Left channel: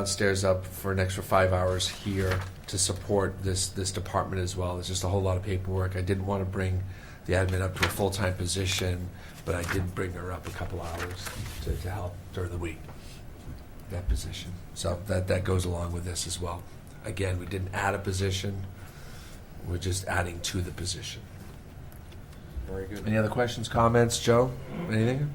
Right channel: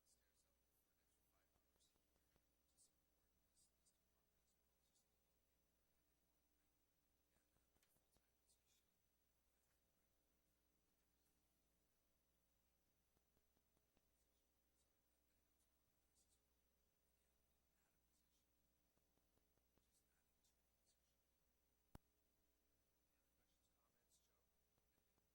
downstairs up for an extra 5 hours here to support this department as well. There's just a whole lot of paperwork. I didn't want to bring the admin up to a full-time position, but I did bring her up a couple hours to help during the week, that position. So that goes along with this as well. Again, we didn't add a position. We're just adding to the position. Very good. Any other questions, comments, Joe? Anything?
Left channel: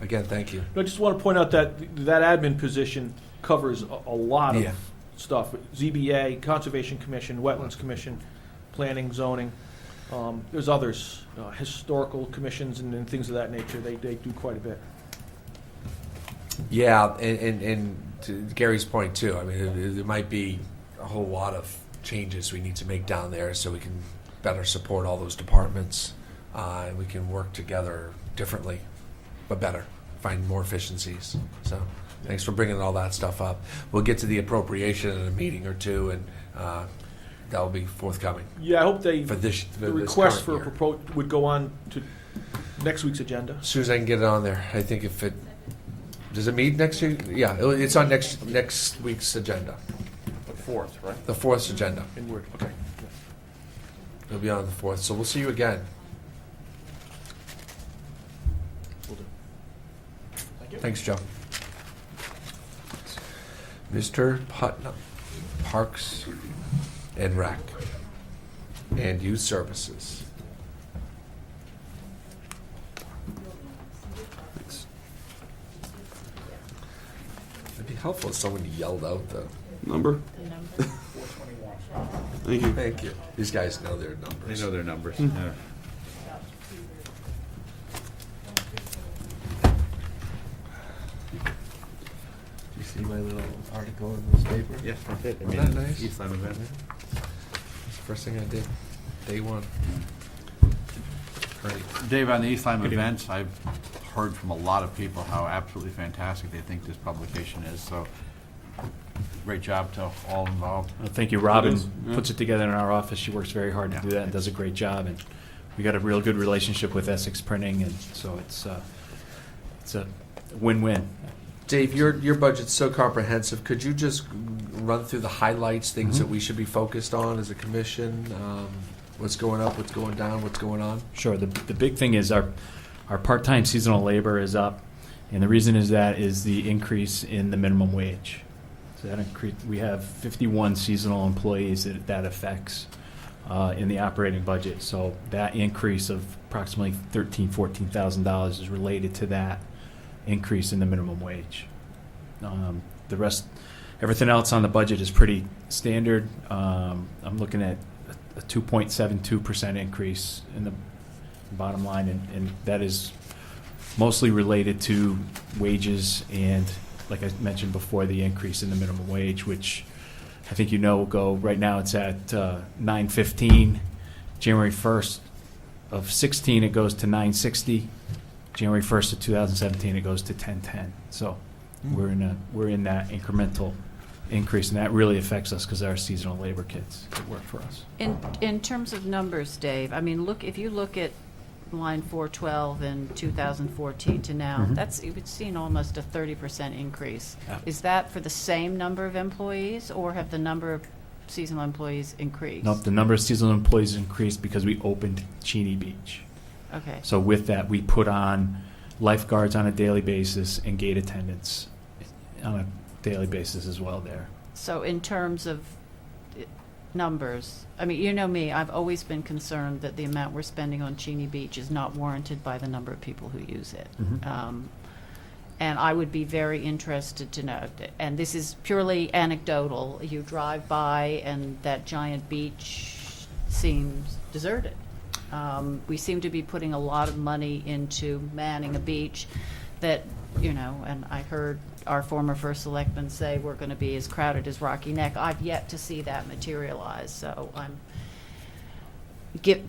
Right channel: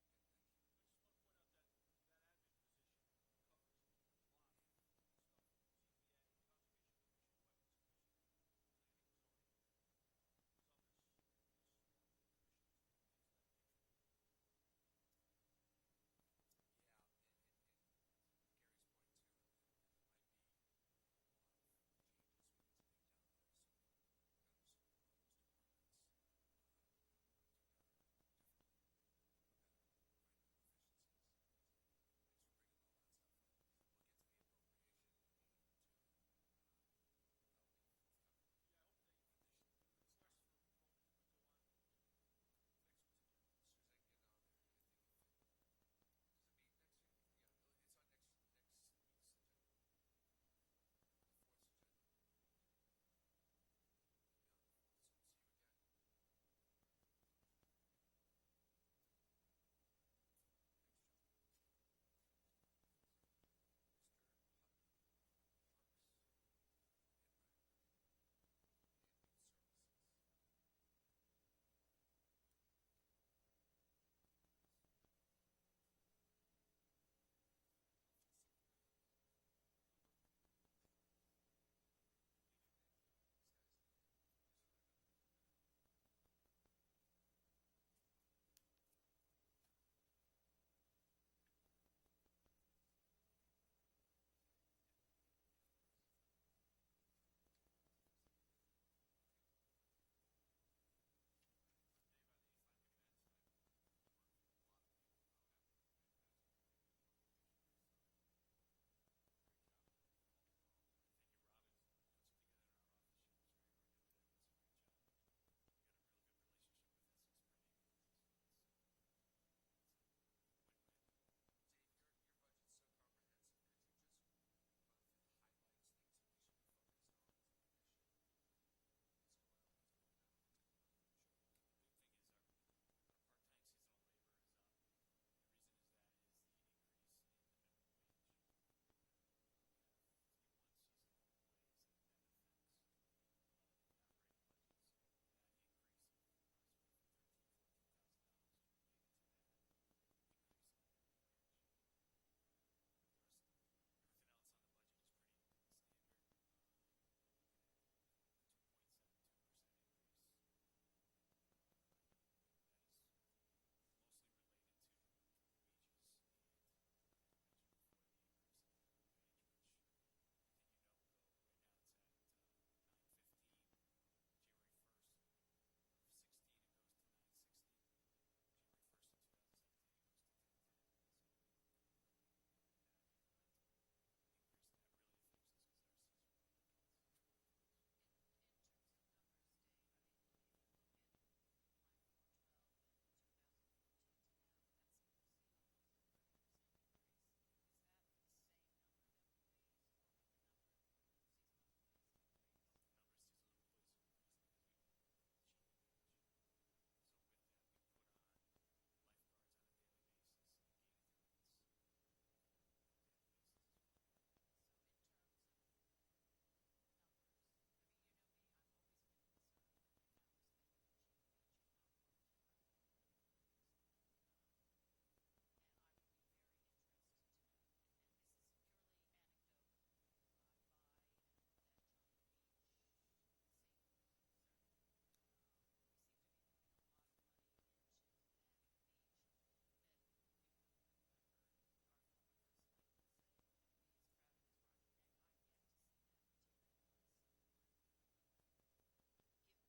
Again, thank you. I just want to point out that that admin position covers a lot of Yeah. stuff. ZBA, Conservation Commission, Wetlands Commission, Planning, Zoning. There's others, historical commissions and things of that nature. They do quite a bit. Yeah, and to Gary's point too, I mean, there might be a whole lot of changes we need to make down there so we can better support all those departments, and we can work together differently, but better, find more efficiencies. So thanks for bringing all that stuff up. We'll get to the appropriation in a meeting or two, and that will be forthcoming. Yeah, I hope For this, the this request for a current year. proposal would go on to next week's agenda. As soon as I can get it on there, I think if it, does it meet next week? Yeah, it's on next week's agenda, The 4th, right? the 4th agenda. In Word, okay. It'll be on the 4th, so we'll see you again. Will do. Thank you. Thanks, Joe. Mr. Putnam, Parks and Rec, and Youth Services. Thanks. It'd be helpful if someone yelled out the Number? Thank you. thank you. These guys know their numbers. They know their numbers. Hmm. Yeah. Did you see my little article in this paper? Yes, I did. I Wasn't that nice? East Lyme event. That's the first thing I did, day one. Great. Dave, on the East Lyme events, I've heard from a lot of people how absolutely fantastic they think this publication is, so great job to all involved. Well, thank you. Robin Yeah. puts it together in our office. She works very hard to do that and does a great job. And we got a real good relationship with Essex Printing, and so it's a win-win. Dave, your budget's so comprehensive. Could you just run through the highlights, things that we should be focused on as a commission? What's going up, what's going down, what's going on? Sure. The big thing is our part-time seasonal labor is up, and the reason is the increase in the minimum wage. So that increase, we have 51 seasonal employees that affects in the operating budget. So that increase of approximately $14,000 is related to that increase in the minimum wage. The rest, everything else on the budget is pretty standard. I'm looking at a 2.72% increase in the bottom line, and that is mostly related to wages and, like I mentioned before, the increase in the minimum wage, which I think will go, right now it's at $9.15. January 1st of 16 it goes to $9.60. January 1st of 2017 it goes to $10.10. So we're in that incremental increase, and that really affects us because our seasonal labor kids that work for us. In terms of numbers, Dave, I mean, if you look at line 412 in 2014 to now, Mhm. you've seen almost a 30% increase. Yeah. Is that for the same number of employees, or have the number of seasonal employees increased? Nope, the number of seasonal employees increased because we opened Cheney Beach. Okay. So with that, we put on lifeguards on a daily basis and gate attendants on a daily basis as well there. So in terms of numbers, I mean, you know me, I've always been concerned that the amount we're spending on Cheney Beach is not warranted by the number of people who use it. And I would be very interested to know, and this is purely anecdotal, you drive by and that giant beach seems deserted. We seem to be putting a lot of money into manning a beach that, and I heard our former first selectman say we're going to be as crowded as Rocky Neck. I've yet to see that materialize, so I'm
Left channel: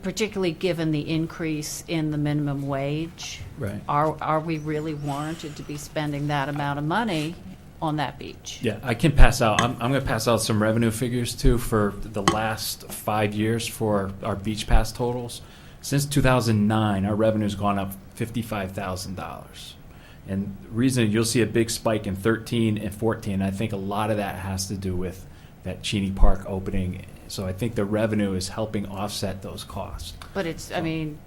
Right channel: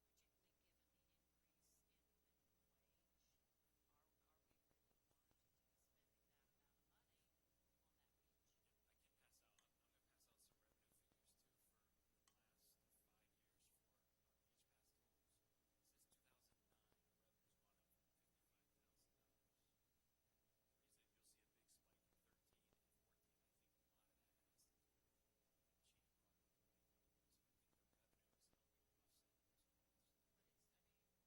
particularly given the increase in the minimum wage. Right. Are we really warranted to be spending that amount of money on that beach? Yeah, I can pass out. I'm going to pass out some revenue figures too for the last 5 years for our beach pass totals. Since 2009, our revenue's gone up $55,000. And the reason you'll see a big spike in 13 and 14, I think a lot of that has to do with that Cheney Park opening. So I think the revenue is helping offset those costs. But it's, I mean,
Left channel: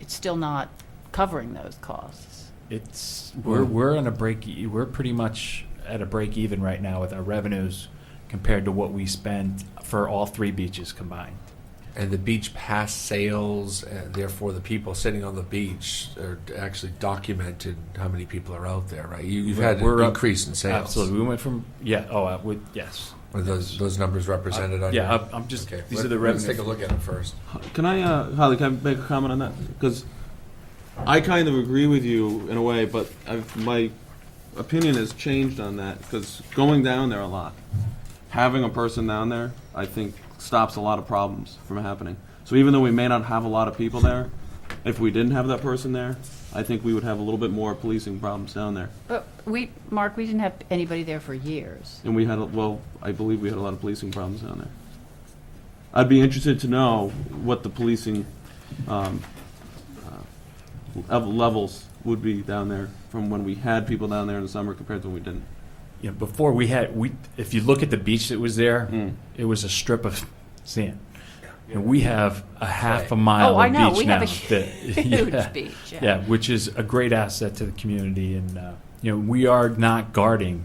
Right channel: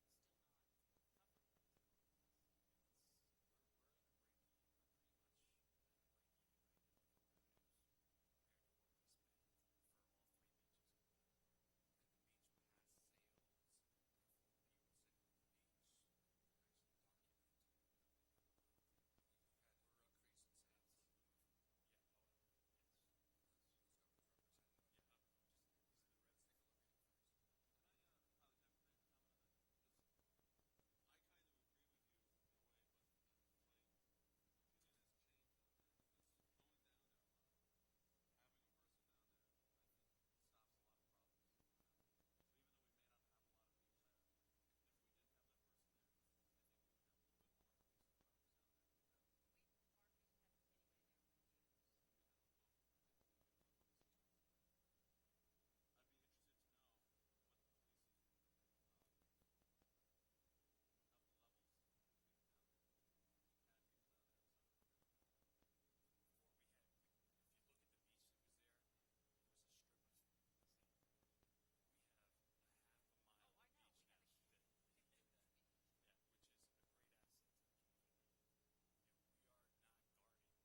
it's still not covering those costs. It's we're on a we're pretty much at a break even right now with our revenues compared to what we spend for all 3 beaches combined. And the beach pass sales, and therefore the people sitting on the beach are actually documented how many people are out there, right? You've had We're an up- increase in sales. Absolutely, we went from yes. Are those numbers represented on Yeah, your- I'm just Okay, these are the let's revenue. take a look at it first. Can I, Holly, can I make a comment on that? Because I kind of agree with you in a way, but my opinion has changed on that, because going down there a lot, having a person down there, I think, stops a lot of problems from happening. So even though we may not have a lot of people there, if we didn't have that person there, I think we would have a little bit more policing problems down there. But Mark, we didn't have anybody there for years. And we had, I believe we had a lot of policing problems down there. I'd be interested to know what the policing levels would be down there from when we had people down there in the summer compared to when we didn't. You know, before if you look at the beach that was there, it was a strip of sand. And we have a half a mile Oh, I of know. beach We now. have a huge beach. Yeah, which is a great asset to the community. And, you know, we are not guarding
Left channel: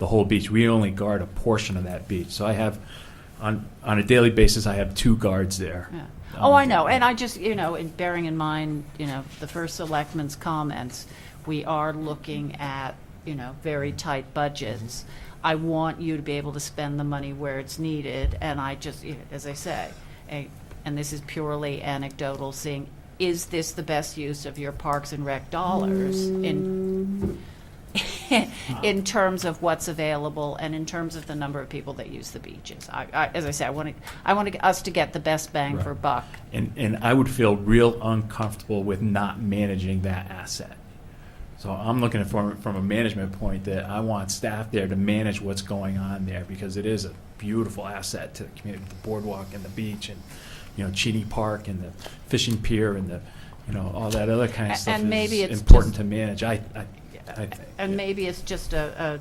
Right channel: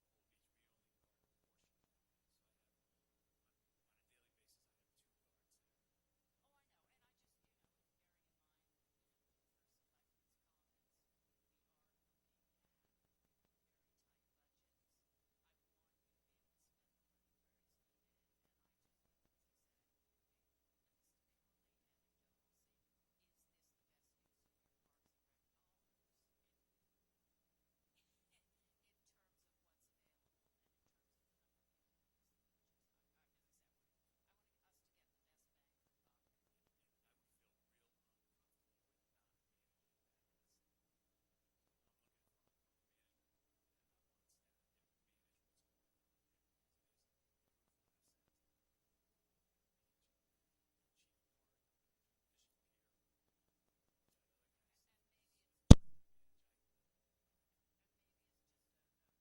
the whole beach. We only guard a portion of that beach. So I have, on a daily basis, I have 2 guards there. Yeah. Oh, I know, and I just, bearing in mind, the first selectman's comments, we are looking at, very tight budgets. I want you to be able to spend the money where it's needed, and I just, as I say, and this is purely anecdotal, seeing, is this the best use of your Parks and Rec dollars in terms of what's available and in terms of the number of people that use the beaches? As I say, I want us to get the best bang for buck. And I would feel real uncomfortable with not managing that asset. So I'm looking at it from a management point that I want staff there to manage what's going on there, because it is a beautiful asset to the community, the boardwalk and the beach and, Cheney Park and the fishing pier and all that other kind of stuff And maybe is it's important just- to manage. I think. And maybe it's just an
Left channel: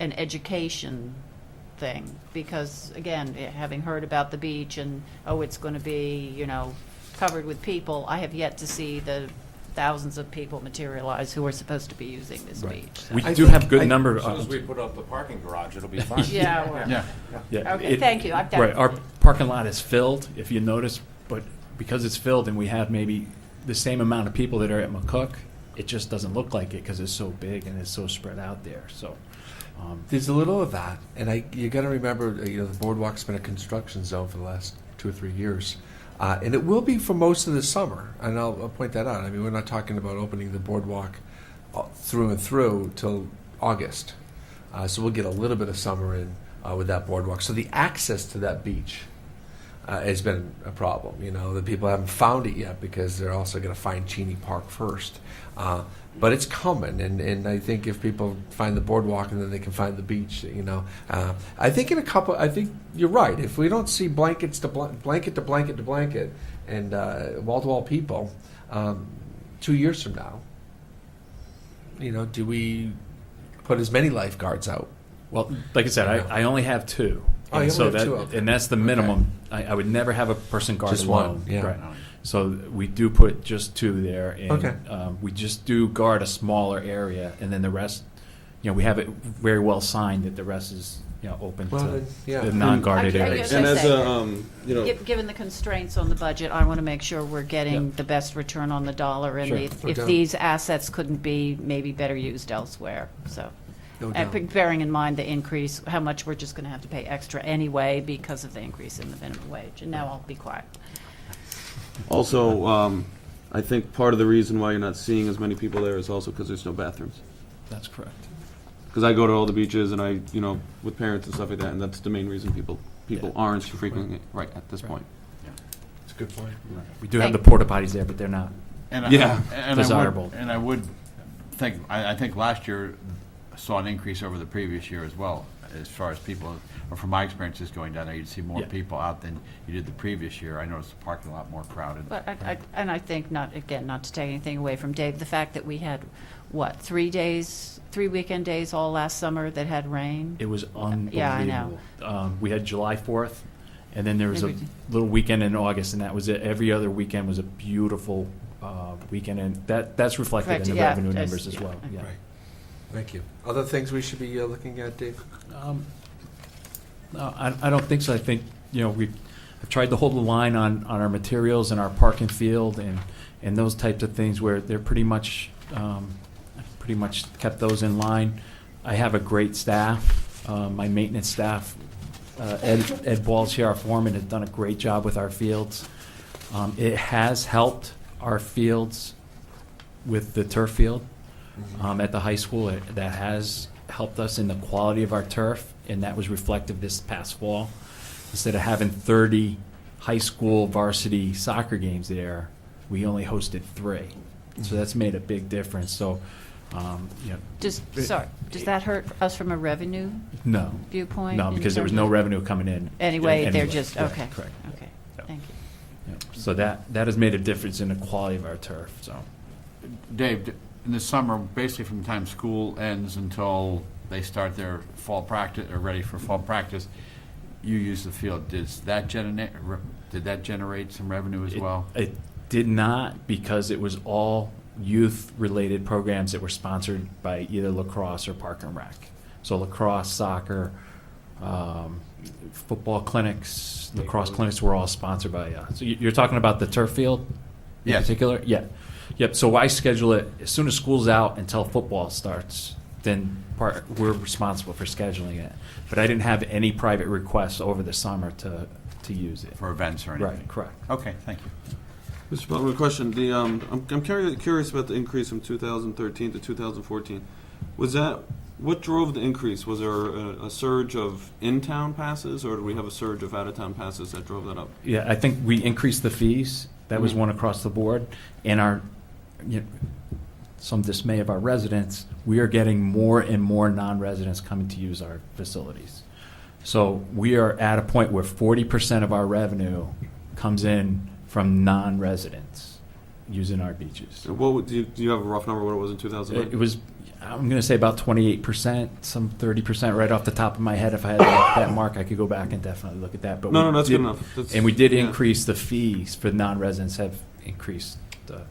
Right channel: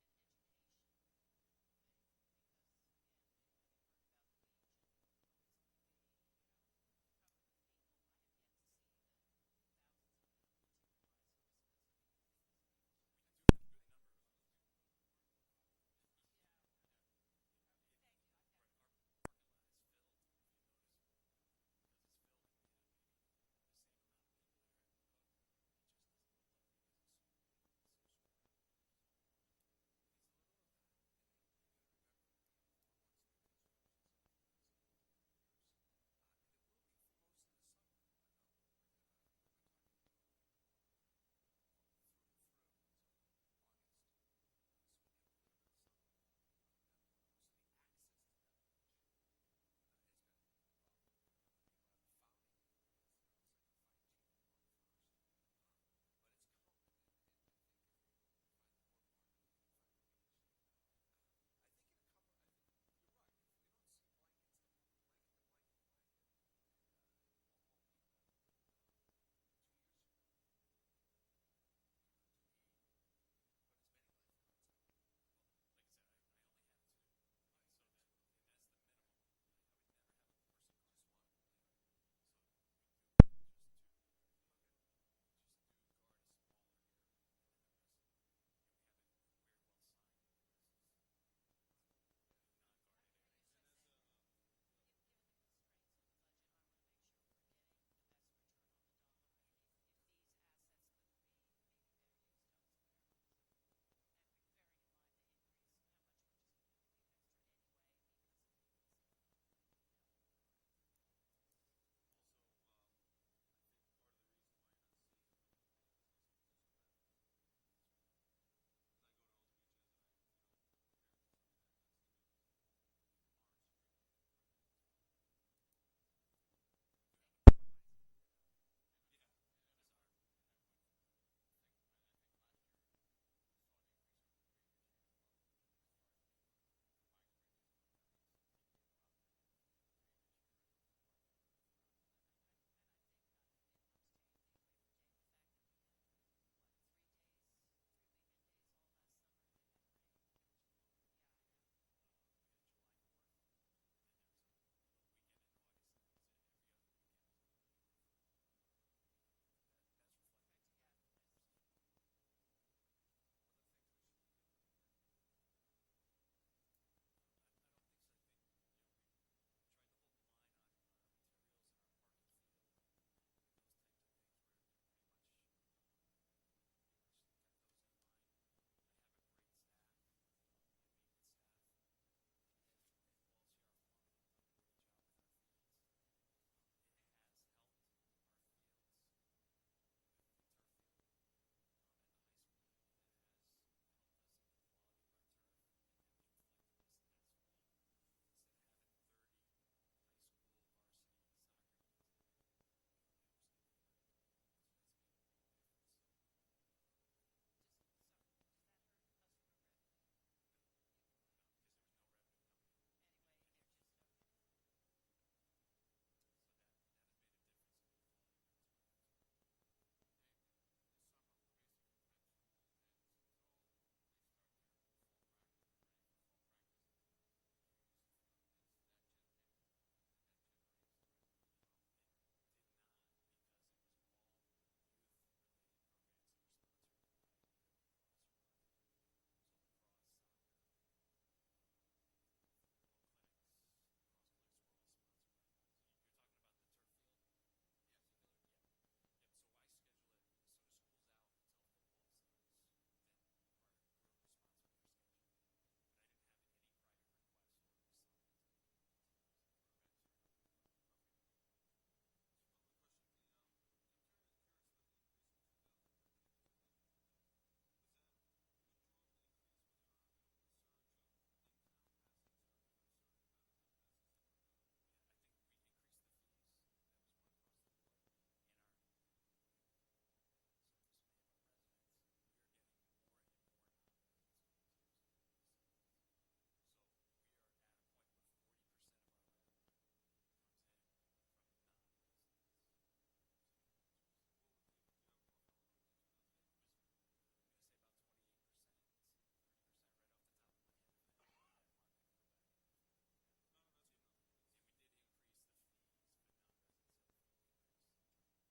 education thing, because again, having heard about the beach and, it's going to be, covered with people, I have yet to see the thousands of people materialize who are supposed to be using this Right. beach. So. We I do think- have good I- number As soon as of. we put up the parking garage, it'll be fine. Yeah, well, Yeah, okay, thank you. I've done Right, our parking lot is filled, if you notice, but because it's filled and we have maybe the same amount of people that are at McCook, it just doesn't look like it because it's so big and it's so spread out there. So, There's a little of that, and you got to remember, the boardwalk's been a construction zone for the last 2 or 3 years, and it will be for most of the summer. And I'll point that out. I mean, we're not talking about opening the boardwalk through and through till August, so we'll get a little bit of summer in with that boardwalk. So the access to that beach has been a problem. The people haven't found it yet because they're also going to find Cheney Park first. But it's coming, and I think if people find the boardwalk and then they can find the beach, I think I think you're right. If we don't see blanket to blanket, and wall-to-wall people, 2 years from now, do we put as many lifeguards out? well, like I said, Yeah. I only have 2. Oh, And you so only have that, 2, okay. and that's the minimum. I would never have a person guard Just alone. one, yeah. Right. So we do put just 2 there, and Okay. we just do guard a smaller area, and then the rest, we have it very well signed that the rest is, open Well, to then, yeah. the non-guarded I- I areas. guess And I as say- Given the constraints on the budget, I want to make sure we're getting Yeah. the best return on the dollar, and Sure. if No doubt. these assets couldn't be maybe better used elsewhere, so. No And doubt. bearing in mind the increase, how much we're just going to have to pay extra anyway because of the increase in the minimum wage. And now I'll be quiet. Also, I think part of the reason why you're not seeing as many people there is also because there's no bathrooms. That's correct. Because I go to all the beaches and I, with parents and stuff like that, and that's the main reason people Yeah. aren't frequenting it right at this Right. point. It's a good point. We do have Thank- the porta potties there, but they're not. And Yeah. Desirable. I would think, I think last year saw an increase over the previous year as well. as far as people, or from my experiences going down there, you'd see more Yeah. people out than you did the previous year. I noticed the parking lot more crowded. But and I think not to take anything away from Dave, the fact that we had, what, 3 weekend days all last summer that had rain? It was unbelievable. Yeah, I know. We had July 4th, and then there was a Maybe- little weekend in August, and that was it. Every other weekend was a beautiful weekend, and that's reflected Correct, in the yeah, revenue that's- numbers as yeah, well. okay. Yeah. Right. Thank you. Other things we should be looking at, Dave? No, I don't think so. I think, we've tried to hold the line on our materials and our park and field and those types of things where they're pretty much kept those in line. I have a great staff. My maintenance staff, Ed Balls here, our foreman, has done a great job with our fields. It has helped our fields with the turf field at the high school. That has helped us in the quality of our turf, and that was reflective this past fall. Instead of having 30 high school varsity soccer games there, we only hosted 3. So that's made a big difference. So, Does that hurt us from a revenue no, viewpoint? no, in because there was terms no of- revenue coming in. Anyway, they're just, Correct, okay. Correct. Okay, Yeah. thank you. Yeah. So that has made a difference in the quality of our turf. So. Dave, in the summer, basically from the time school ends until they start their fall practice, or ready for fall practice, you use the field. Did that generate some revenue as well? It did not, because it was all youth-related programs that were sponsored by either lacrosse or Park and Rec. So lacrosse, soccer, football clinics, lacrosse clinics were all sponsored by. So you're talking about the turf field in Yes. particular? Yeah. Yep. So I schedule it as soon as school's out until football starts. Then we're responsible for scheduling it. But I didn't have any private requests over the summer to use it. For events or anything? Right. Correct. Okay, thank you. Mr. Butler, a question. I'm curious about the increase from 2013 to 2014. What drove the increase? Was there a surge of in-town passes, or did we have a surge of out-of-town passes that drove that up? Yeah, I think we increased the fees. That was Mhm. one across the board. And some dismay of our residents, we are getting more and more non-residents coming to use our facilities. So we are at a point where 40% of our revenue comes in from non-residents using our beaches. Do you have a rough number what it was in 2009? It was, I'm going to say about 28%, some 30% right off the top of my head. If I had that mark, I could go back and definitely look at that. But No, we that's did- good enough. That's- And we did yeah. increase the fees for non-residents have increased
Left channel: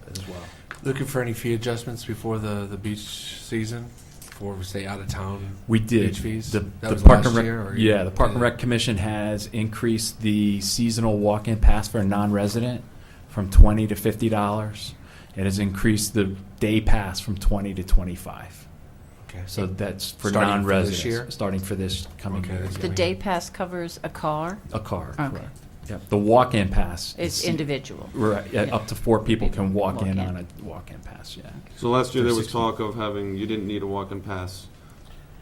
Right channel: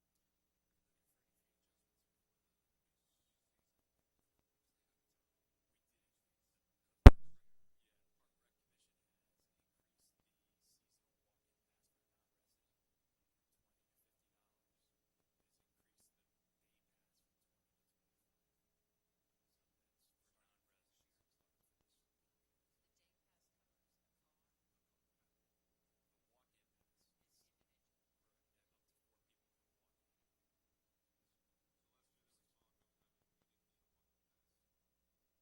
as well. Looking for any fee adjustments before the beach season, before we stay out of town? We did. Beach fees? The That was Park last and Rec, year, or yeah, the Park and did it- Rec Commission has increased the seasonal walk-in pass for a non-resident from $20 to $50. It has increased the day pass from 20 to 25. Okay. So that's for Starting for this non-residents. year? Starting for this coming Okay, year. that's The day pass covers a car? A car, Okay. correct. Yep. The walk-in pass. It's is- individual? Right, yeah, Yeah. up to 4 people can walk Walk in in. on a walk-in pass, yeah. So last year there was 16. talk of having, you didn't need a walk-in pass.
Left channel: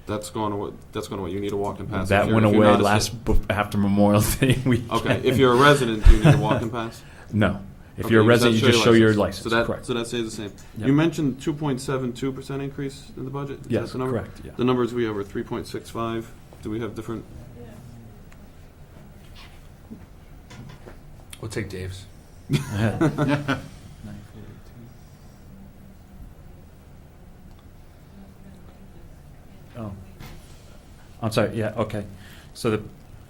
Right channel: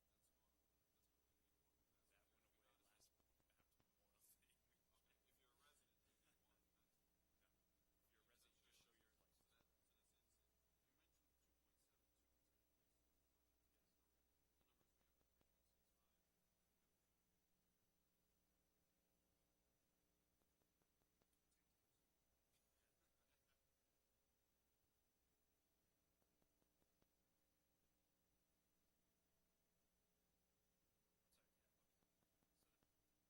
That's gone away. You need a walk-in pass. That if you're- went if you're away not a after Memorial Day weekend. Okay, if you're a resident, do you need a walk-in pass? No. If Okay, you're a you resident, you just show your license, So that, correct. so that stays the same. Yep. You mentioned 2.72% increase in the budget? Is Yes, that the number? correct, yeah. The numbers we have are 3.65. Do we have different? We'll take Dave's. Oh, I'm sorry, yeah, okay. So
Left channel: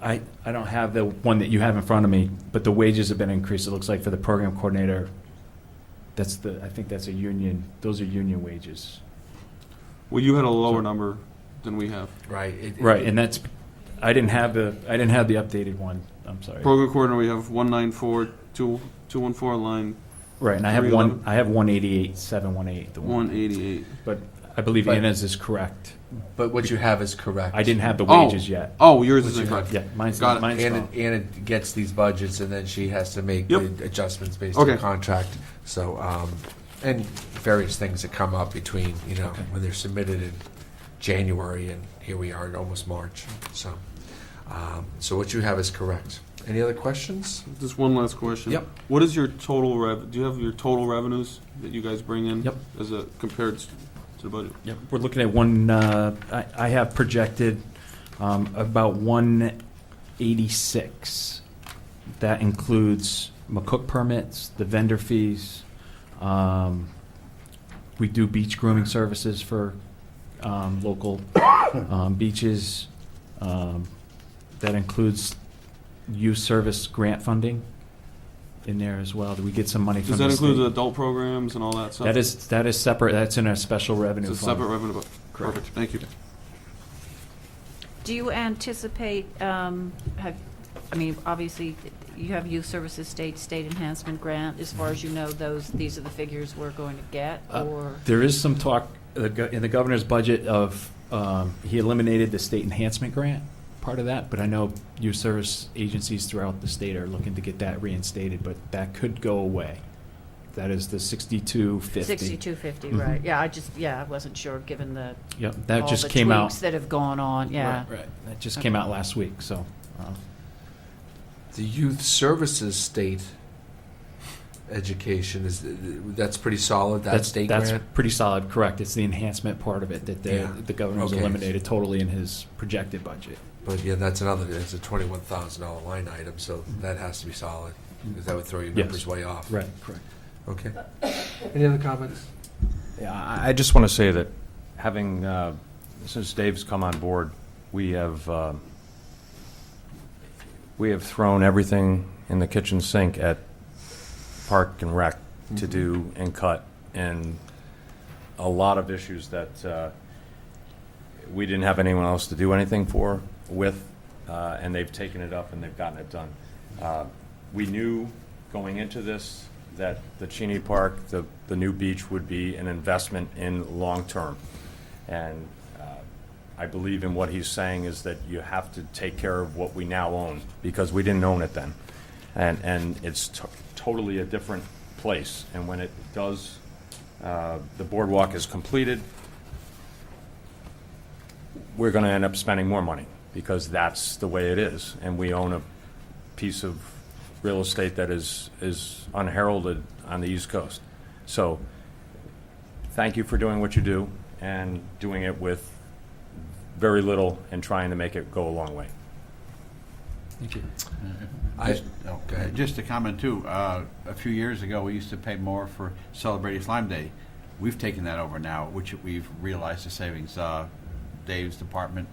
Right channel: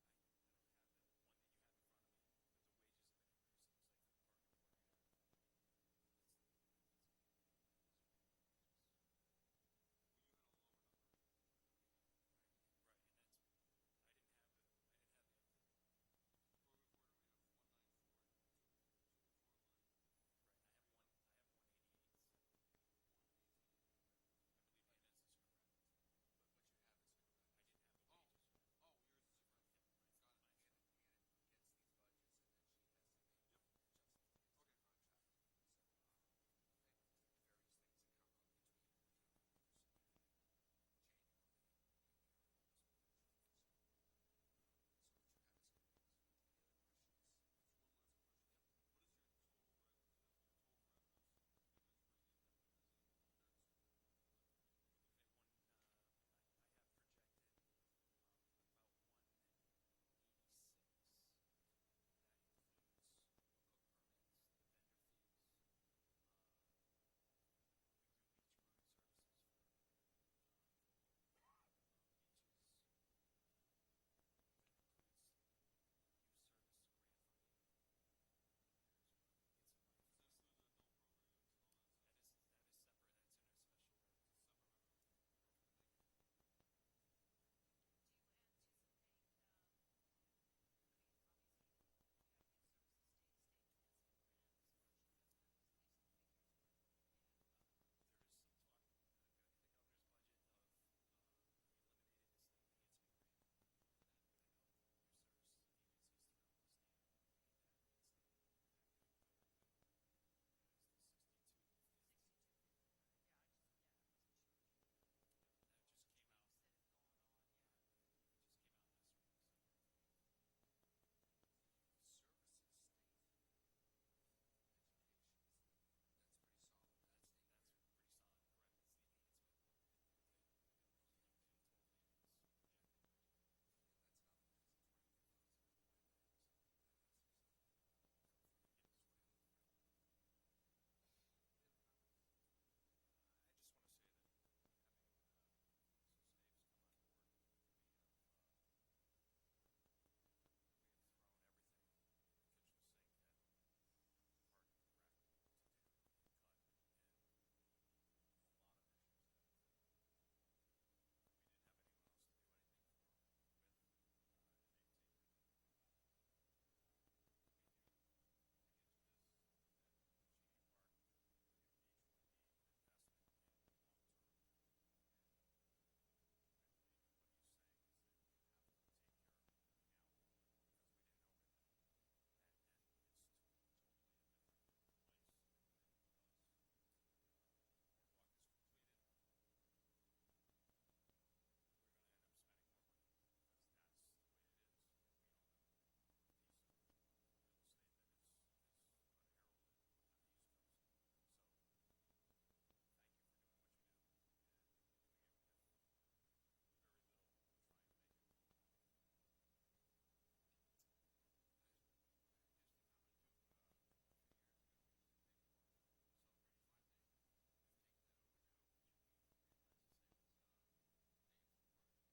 I don't have the one that you have in front of me, but the wages have been increased, it looks like, for the program coordinator. I think that's a union, those are union wages. Well, you had a lower number than we have. Right. Right, and that's, I didn't have the updated one, I'm sorry. Program coordinator, we have 194,214 line Right, and I have 311. 188,718, the one. 188. But I believe But- Inez is correct. But what you have is correct. I didn't have the Oh. wages yet. Oh, yours is What's your- incorrect. Yeah, mine's Got it. wrong. Anna gets these budgets, and then she has to make Yep. the adjustments based Okay. on contract. So, and various things that come up between, Okay. when they're submitted in January, and here we are in almost March. So, so what you have is correct. Any other questions? Just one last question. Yep. What is your total do you have your total revenues that you guys bring in? Yep. As a compared to the budget? Yep, we're looking at I have projected About 186. That includes McCook permits, the vendor fees. We do beach grooming services for local beaches. That includes youth service grant funding in there as well. We get some money from Does the that include the state. adult programs and all that stuff? That is separate. That's in a special revenue It's a fund. separate revenue, but, Correct. perfect, thank you. Do you anticipate, obviously, you have youth services state enhancement grant. As far as you know, these are the figures we're going to get, or? There is some talk in the governor's budget of, he eliminated the state enhancement grant, part of that, but I know youth service agencies throughout the state are looking to get that reinstated, but that could go away. That is the 6250. 6250, Mhm. right. Yeah, I wasn't sure, given the, Yep, that all just the came out. tweaks that have gone on, yeah. Right. That just came out last week, so. The youth services state education that's pretty solid. That state That's grant. pretty solid, correct. It's the enhancement part of it that Yeah. the governor's Okay. eliminated totally in his projected budget. But yeah, that's another. It's a $21,000 line item, so that has to be solid because that would throw your Yes. numbers way off. Right, correct. Okay. Any other comments? Yeah, I just want to say that having, since Dave's come on board, we have thrown everything in the kitchen sink at Park and Rec to do and cut, and a lot of issues that we didn't have anyone else to do anything with, and they've taken it up and they've gotten it done. We knew going into this that the Cheney Park, the new beach, would be an investment in long-term. And I believe in what he's saying is that you have to take care of what we now own, because we didn't own it then. And it's totally a different place. And when it does, the boardwalk is completed, we're going to end up spending more money, because that's the way it is. And we own a piece of real estate that is unheralded on the East Coast. So thank you for doing what you do and doing it with very little and trying to make it go a long way. Thank you. Go ahead. Just to comment too, a few years ago, we used to pay more for celebrating Lyme Day. We've taken that over now, which we've realized the savings. Dave's department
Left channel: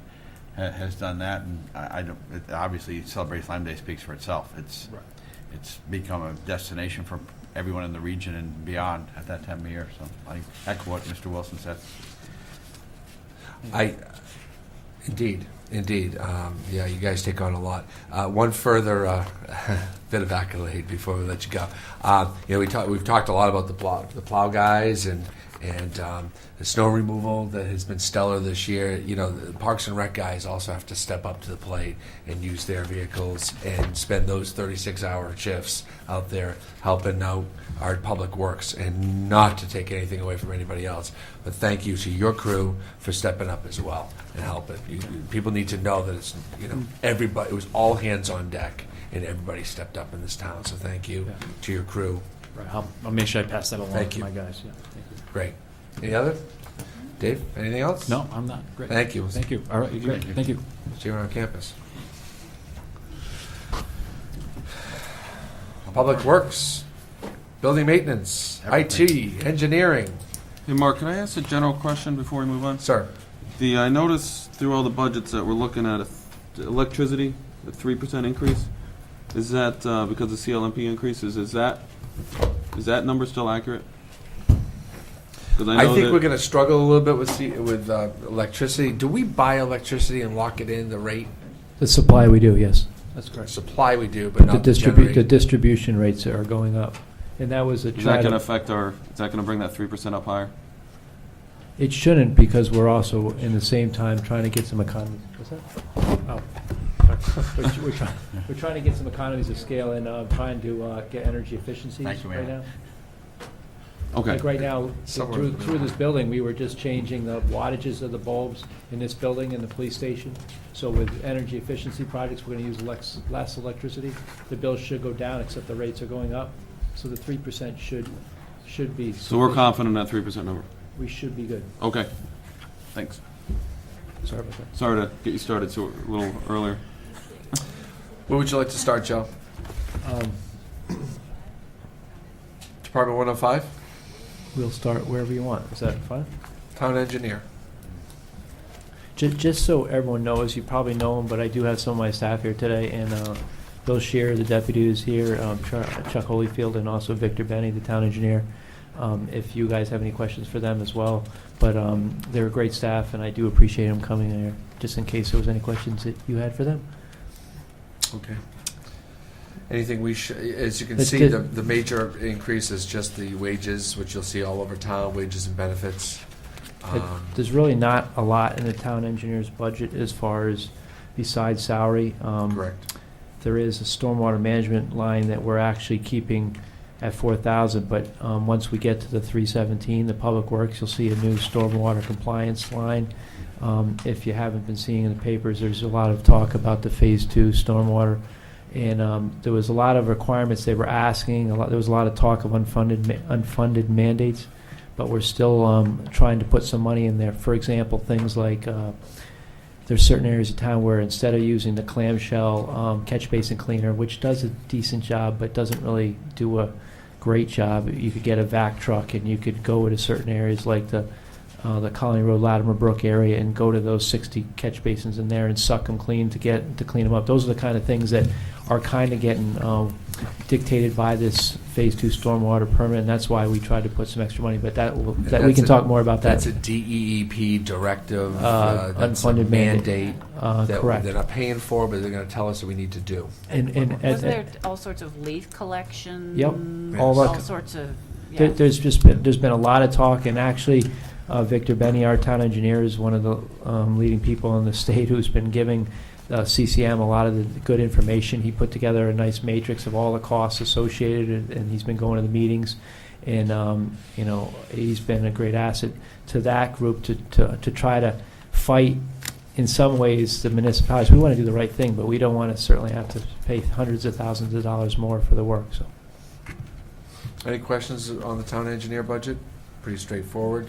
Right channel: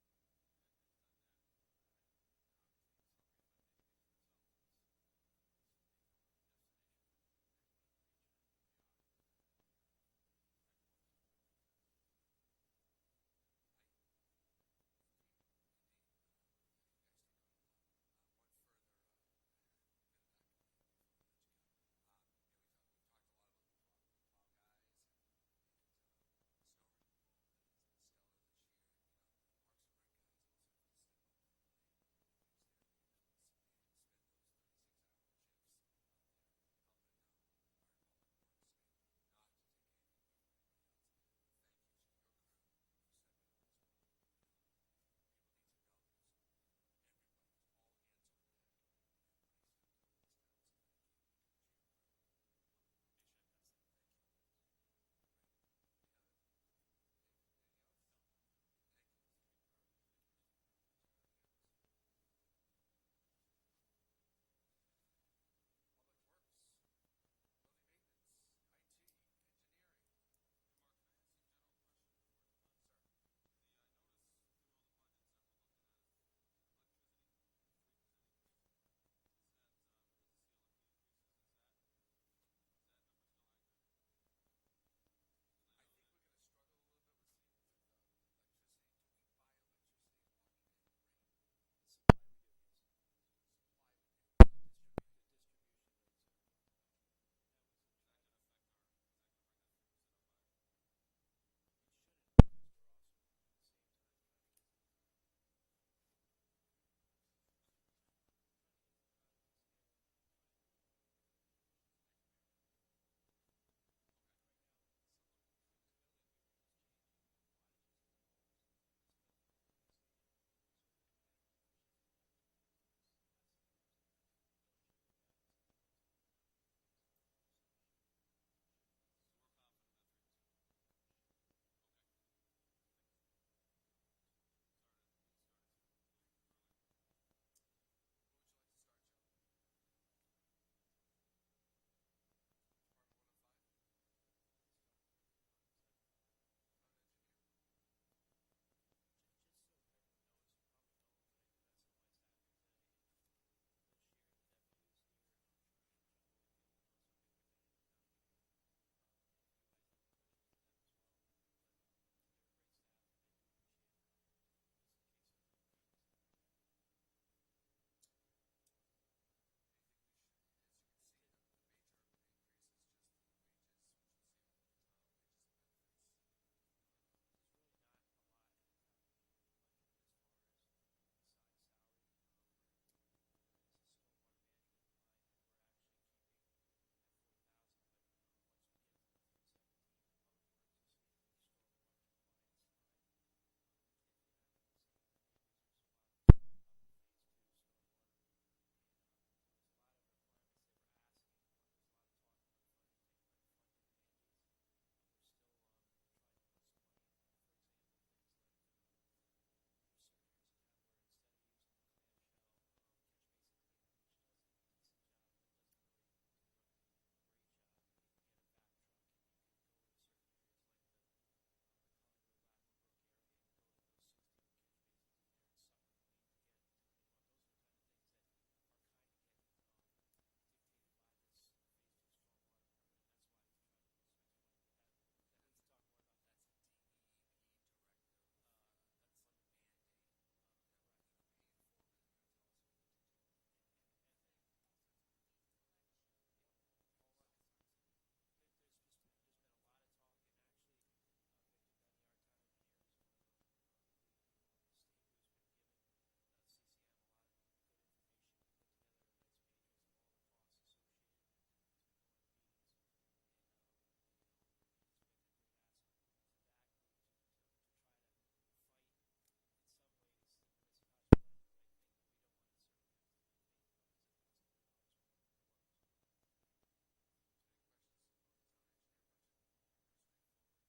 has done that, and I don't, obviously Celebrate Lyme Day speaks for itself. It's become a destination for everyone in the region and beyond at that time of year. So I echo what Mr. Wilson said. Indeed. Yeah, you guys take on a lot. One further bit of accolade before we let you go. We've talked a lot about the plow guys and the snow removal that has been stellar this year. The Parks and Rec guys also have to step up to the plate and use their vehicles and spend those 36-hour shifts out there helping out our public works, and not to take anything away from anybody else. But thank you to your crew for stepping up as well and helping. People need to know that it's, everybody, it was all hands on deck and everybody stepped up in this town. So thank you to your crew. Right, I'll make sure I pass that along Thank to you. my guys. Yeah, thank you. Great. Any other? Dave, anything else? No, I'm not. Great. Thank you. Thank you. All right, great. Thank you. See you around campus. Public Works, Building Maintenance, IT, Engineering. Hey, Mark, can I ask a general question before we move on? Sir, I noticed through all the budgets that we're looking at, the electricity, the 3% increase, is that because of CLMP increases? Is that number still accurate? 'Cause I know think that- we're going to struggle a little bit with electricity. Do we buy electricity and lock it in the rate? The supply we do, yes. That's correct. Supply we do, but not the The generate. distribution rates are going up. And that was a Is that try going to to, affect is that going to bring that 3% up higher? it shouldn't, because we're also in the same time trying to get some economies. What's that? Oh. We're trying to get some economies of scale and trying to get energy efficiencies Thank you, right Mayor. now. Okay. Like right now, Somewhere- through this building, we were just changing the wattages of the bulbs in this building and the police station. So with energy efficiency projects, we're gonna use less electricity. The bills should go down, except the rates are going up. So the 3% should be. So we're sufficient. confident in that 3% number? We should be good. Okay. Thanks. Sorry about that. Sorry to get you started so a little earlier. Where would you like to start, Joe? Department 105, We'll start wherever you want. Is that fine? town engineer. Just so everyone knows, you probably know him, but I do have some of my staff here today, and Bill Shear, the deputy, is here, Chuck Holyfield, and also Victor Benny, the town engineer. If you guys have any questions for them as well, but they're a great staff, and I do appreciate them coming here, just in case there was any questions that you had for them. Okay. Anything as you can Let's see, get- the major increase is just the wages, which you'll see all over town, wages and benefits. There's really not a lot in the town engineer's budget as far as besides salary. Correct. There is a stormwater management line that we're actually keeping at 4,000, but once we get to the 317, the public works, you'll see a new stormwater compliance line. If you haven't been seeing in the papers, there's a lot of talk about the Phase 2 stormwater, and there was a lot of requirements they were asking. There was a lot of talk of unfunded mandates, but we're still trying to put some money in there. For example, things like there's certain areas of town where instead of using the clamshell catch basin cleaner, which does a decent job but doesn't really do a great job, you could get a vac truck and you could go to certain areas like the Colony Road, Latimer Brook area, and go to those 60 catch basins in there and suck them clean to clean them up. Those are the kind of things that are kind of getting dictated by this Phase 2 stormwater permit, and that's why we tried to put some extra money. But we can talk more about that. That's a DEEP directive. That's Unfunded a mandate that correct. they're not paying for, but they're going to tell us that we need to do. Was there all sorts of leaf collection? Yep. All sorts of, yeah. There's been a lot of talk, and actually, Victor Benny, our town engineer, is one of the leading people in the state who's been giving CCM a lot of the good information. He put together a nice matrix of all the costs associated, and he's been going to the meetings, and he's been a great asset to that group to try to fight in some ways the municipalities. We want to do the right thing, but we don't want to certainly have to pay hundreds of thousands of dollars more for the work. So, Any questions on the town engineer budget? Pretty straightforward.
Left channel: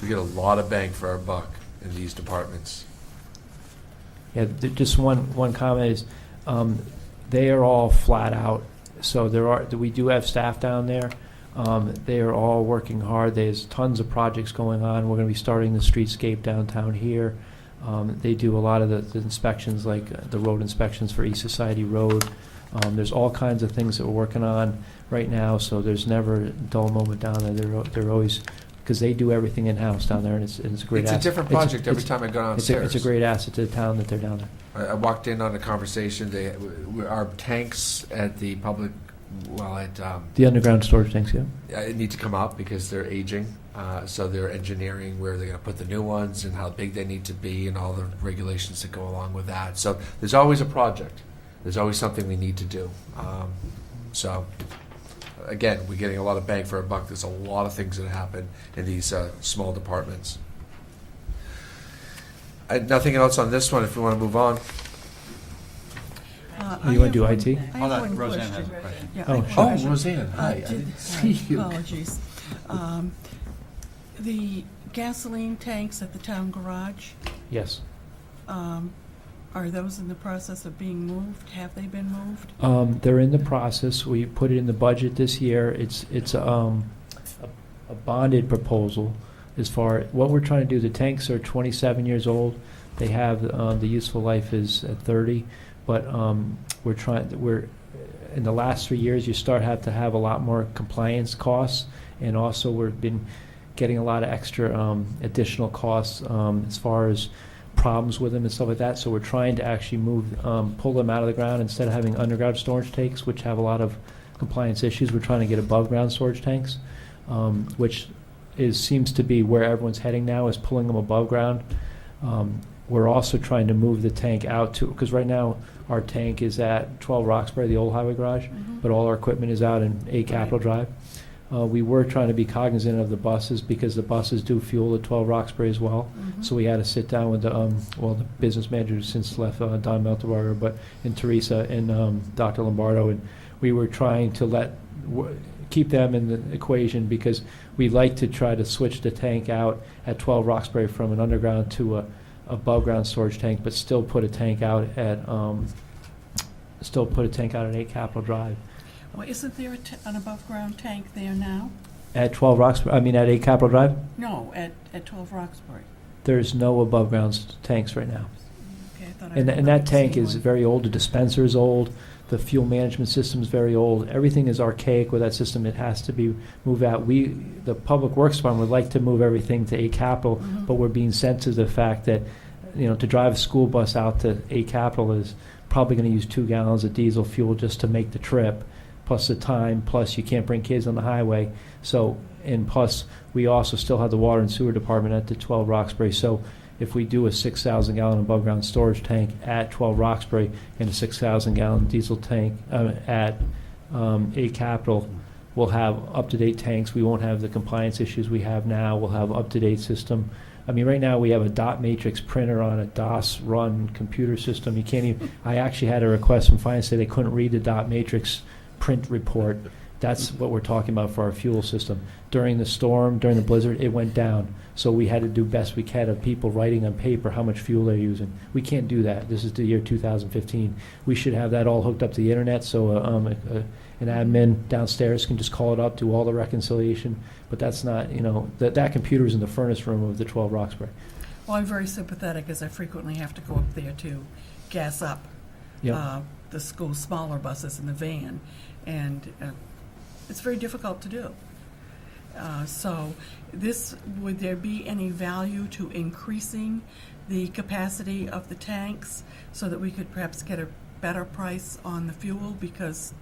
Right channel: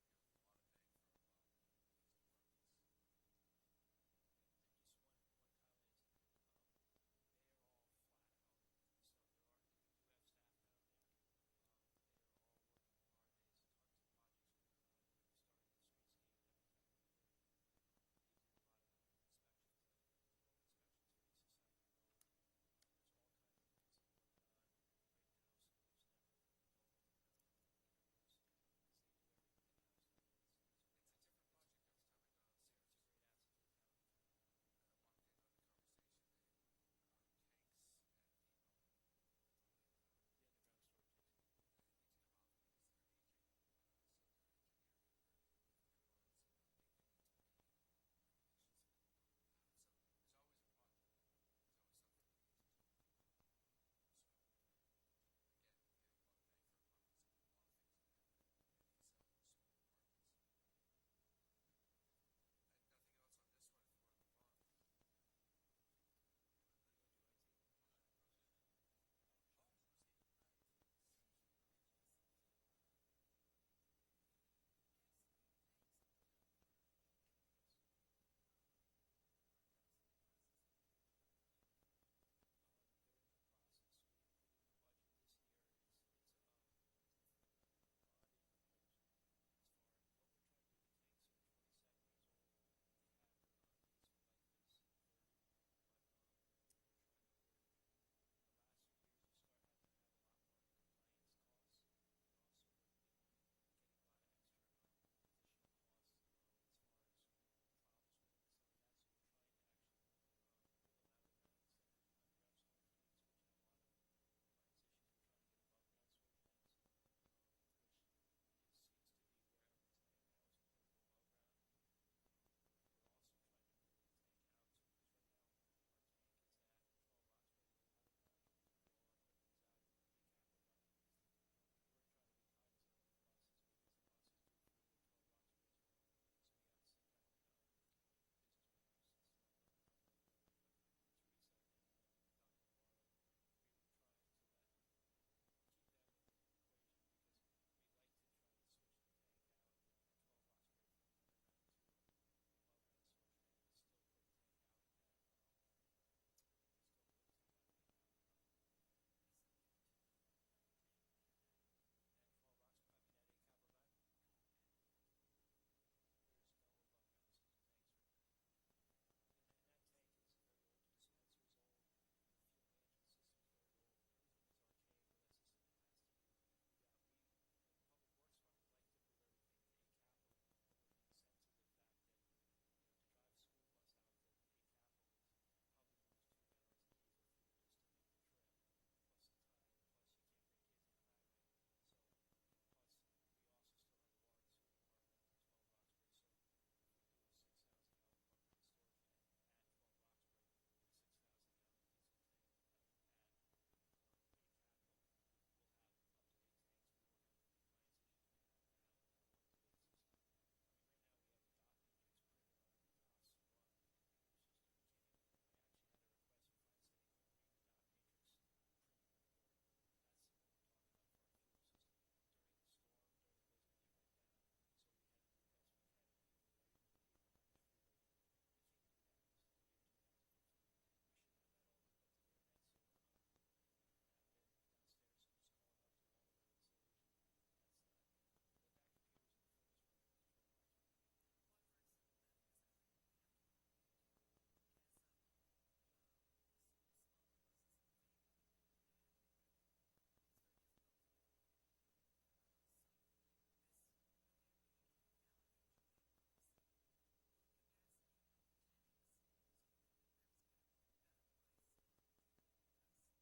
We get a lot of bang for our buck in these departments. yeah, just one comment is, they are all flat out. So we do have staff down there. They are all working hard. There's tons of projects going on. We're going to be starting the streetscape downtown here. They do a lot of the inspections, like the road inspections for East Society Road. There's all kinds of things that we're working on right now, so there's never a dull moment down there. They're always, because they do everything in-house down there, and it's a great It's asset. a different project every time I go downstairs. It's a great asset to the town that they're down there. I walked in on a conversation. Our tanks at the public, The underground storage tanks, yeah. need to come up because they're aging. So they're engineering where they're going to put the new ones and how big they need to be and all the regulations that go along with that. So there's always a project. There's always something we need to do. So again, we're getting a lot of bang for our buck. There's a lot of things that happen in these small departments. Nothing else on this one if we want to move on. You want to do IT? I Hold have on, one Roseanne has question. a question. Yeah, Oh, I have a sure. question. Roseanne, hi. I didn't see you. Apologies. The gasoline tanks at the town garage, Yes. are those in the process of being moved? Have they been moved? They're in the process. We put it in the budget this year. It's a bonded proposal as far, what we're trying to do, the tanks are 27 years old. They have, the useful life is at 30, but we're in the last 3 years, you have to have a lot more compliance costs, and also we've been getting a lot of extra additional costs as far as problems with them and stuff like that. So we're trying to actually pull them out of the ground instead of having underground storage tanks, which have a lot of compliance issues. We're trying to get above ground storage tanks, which seems to be where everyone's heading now, is pulling them above ground. We're also trying to move the tank out to, because right now our tank is at 12 Roxbury, the old highway garage, but all our equipment is out in 8 Capitol Drive. We were trying to be cognizant of the buses, because the buses do fuel at 12 Roxbury as well. So we had to sit down with the business manager who's since left, Don Melterberger, and Teresa and Dr. Lombardo, and we were trying to keep them in the equation, because we'd like to try to switch the tank out at 12 Roxbury from an underground to above-ground storage tank, but still put a tank out at 8 Capitol Drive. Well, isn't there an above-ground tank there now? At 12 Roxbury, at 8 Capitol Drive, No, at 12 Roxbury. there's no above-ground tanks right now. Okay, I thought I And remembered that tank seeing is one. very old, the dispenser is old, the fuel management system is very old. Everything is archaic with that system. It has to be moved out. The Public Works Department would like to move everything to 8 Capitol, Mhm. but we're being sent to the fact that, to drive a school bus out to 8 Capitol is probably going to use 2 gallons of diesel fuel just to make the trip, plus the time, plus you can't bring kids on the highway. So, and plus, we also still have the water and sewer department at the 12 Roxbury. So if we do a 6,000 gallon above ground storage tank at 12 Roxbury and a 6,000 gallon diesel tank at 8 Capitol, we'll have up-to-date tanks. We won't have the compliance issues we have now. We'll have up-to-date system. Right now we have a dot matrix printer on a DOS run computer system. You can't even, I actually had a request from finance say they couldn't read the dot matrix print report. That's what we're talking about for our fuel system. During the storm, during the blizzard, it went down. So we had to do best we can of people writing on paper how much fuel they're using. We can't do that. This is the year 2015. We should have that all hooked up to the internet so an admin downstairs can just call it up, do all the reconciliation. But that's not, that computer is in the furnace room of the 12 Roxbury. Well, I'm very sympathetic as I frequently have to go up there to gas up Yep. the school smaller buses in the van, and it's very difficult to do. So would there be any value to increasing the capacity of the tanks so that we could perhaps get a better price on the fuel? Because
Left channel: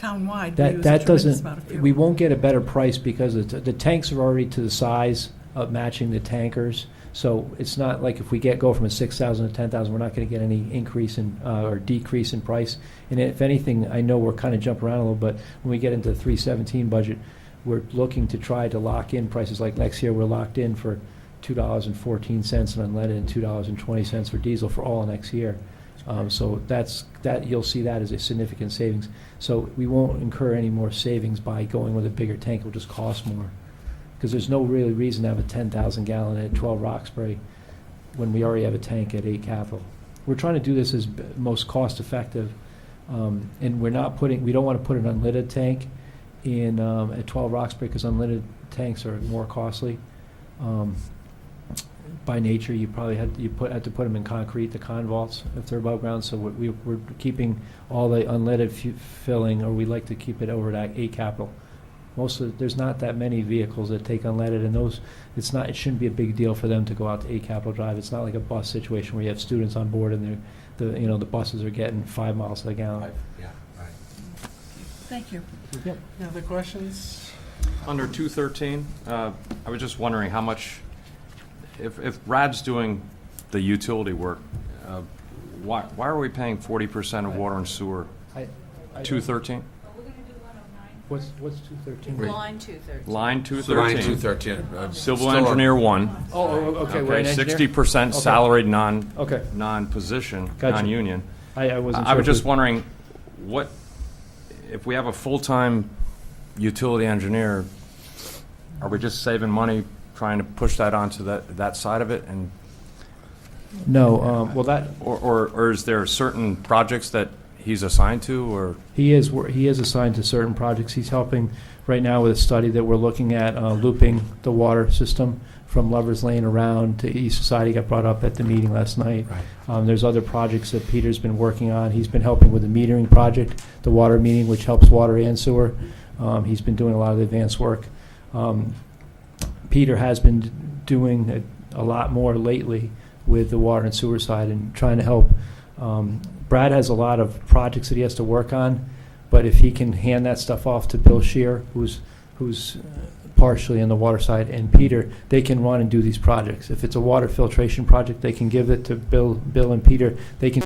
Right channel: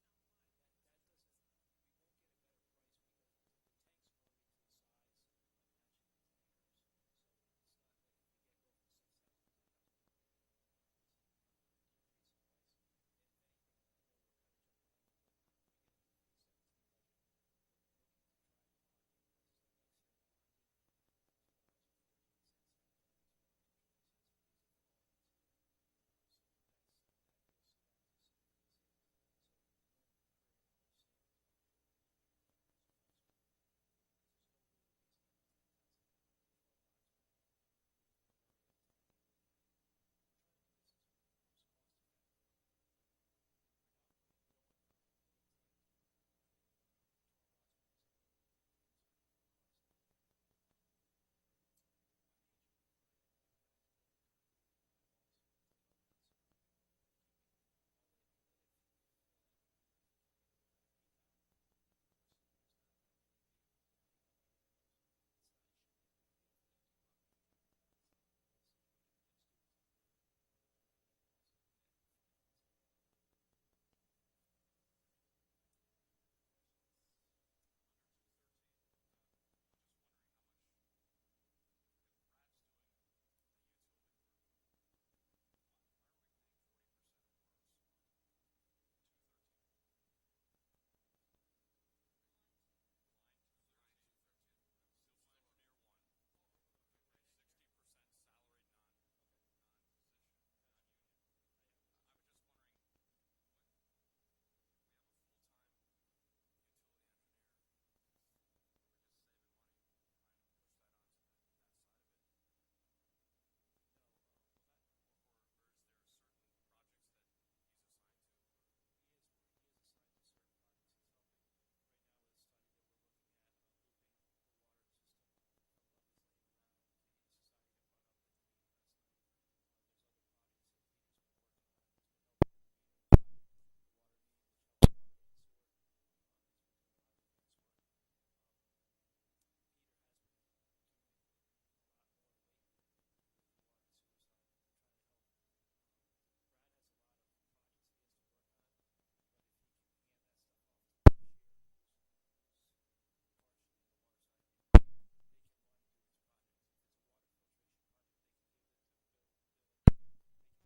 townwide, we use a That tremendous amount of doesn't, fuel. we won't get a better price because the tanks are already to the size of matching the tankers. So it's not like if we go from a 6,000 to 10,000, we're not going to get any increase in or decrease in price. And if anything, I know we're kind of jumping around a little, but when we get into the 317 budget, we're looking to try to lock in prices. Like next year, we're locked in for $2.14 on unleaded and $2.20 for diesel for all next year. So that you'll see that as a significant savings. So we won't incur any more savings by going with a bigger tank. It will just cost more. Because there's no really reason to have a 10,000 gallon at 12 Roxbury when we already have a tank at 8 Capitol. We're trying to do this as most cost effective, and we don't want to put an unleaded tank in at 12 Roxbury because unleaded tanks are more costly. By nature, you probably had to put them in concrete, the convaults, if they're above ground. So we're keeping all the unleaded filling, or we like to keep it over at 8 Capitol. There's not that many vehicles that take unleaded, and it shouldn't be a big deal for them to go out to 8 Capitol Drive. It's not like a bus situation where you have students on board and the buses are getting 5 miles to the gallon. Yeah, right. Thank you. Yep. Any other questions? Under 213, I was just wondering how much, if Brad's doing the utility work, why are we paying 40% of water and sewer? 213? What's 213? Line 213. Line Line 213. 213. Civil engineer 1. Oh, okay, we're an Okay, engineer? 60% Okay. salaried Okay, non-position, Gotcha. non-union. I wasn't sure. I was if just we- wondering, if we have a full-time utility engineer, are we just saving money trying to push that onto that side of it? And No, or is there certain projects that he's assigned to, or? he is assigned to certain projects. He's helping right now with a study that we're looking at looping the water system from Lover's Lane around to East Society. Got brought up at the meeting last night. Right. There's other projects that Peter's been working on. He's been helping with the metering project, the water metering, which helps water and sewer. He's been doing a lot of the advanced work. Peter has been doing a lot more lately with the water and sewer side and trying to help. Brad has a lot of projects that he has to work on, but if he can hand that stuff off to Bill Shear, who's partially on the water side, and Peter, they can run and do these projects. If it's a water filtration project, they can give it to Bill and Peter. They can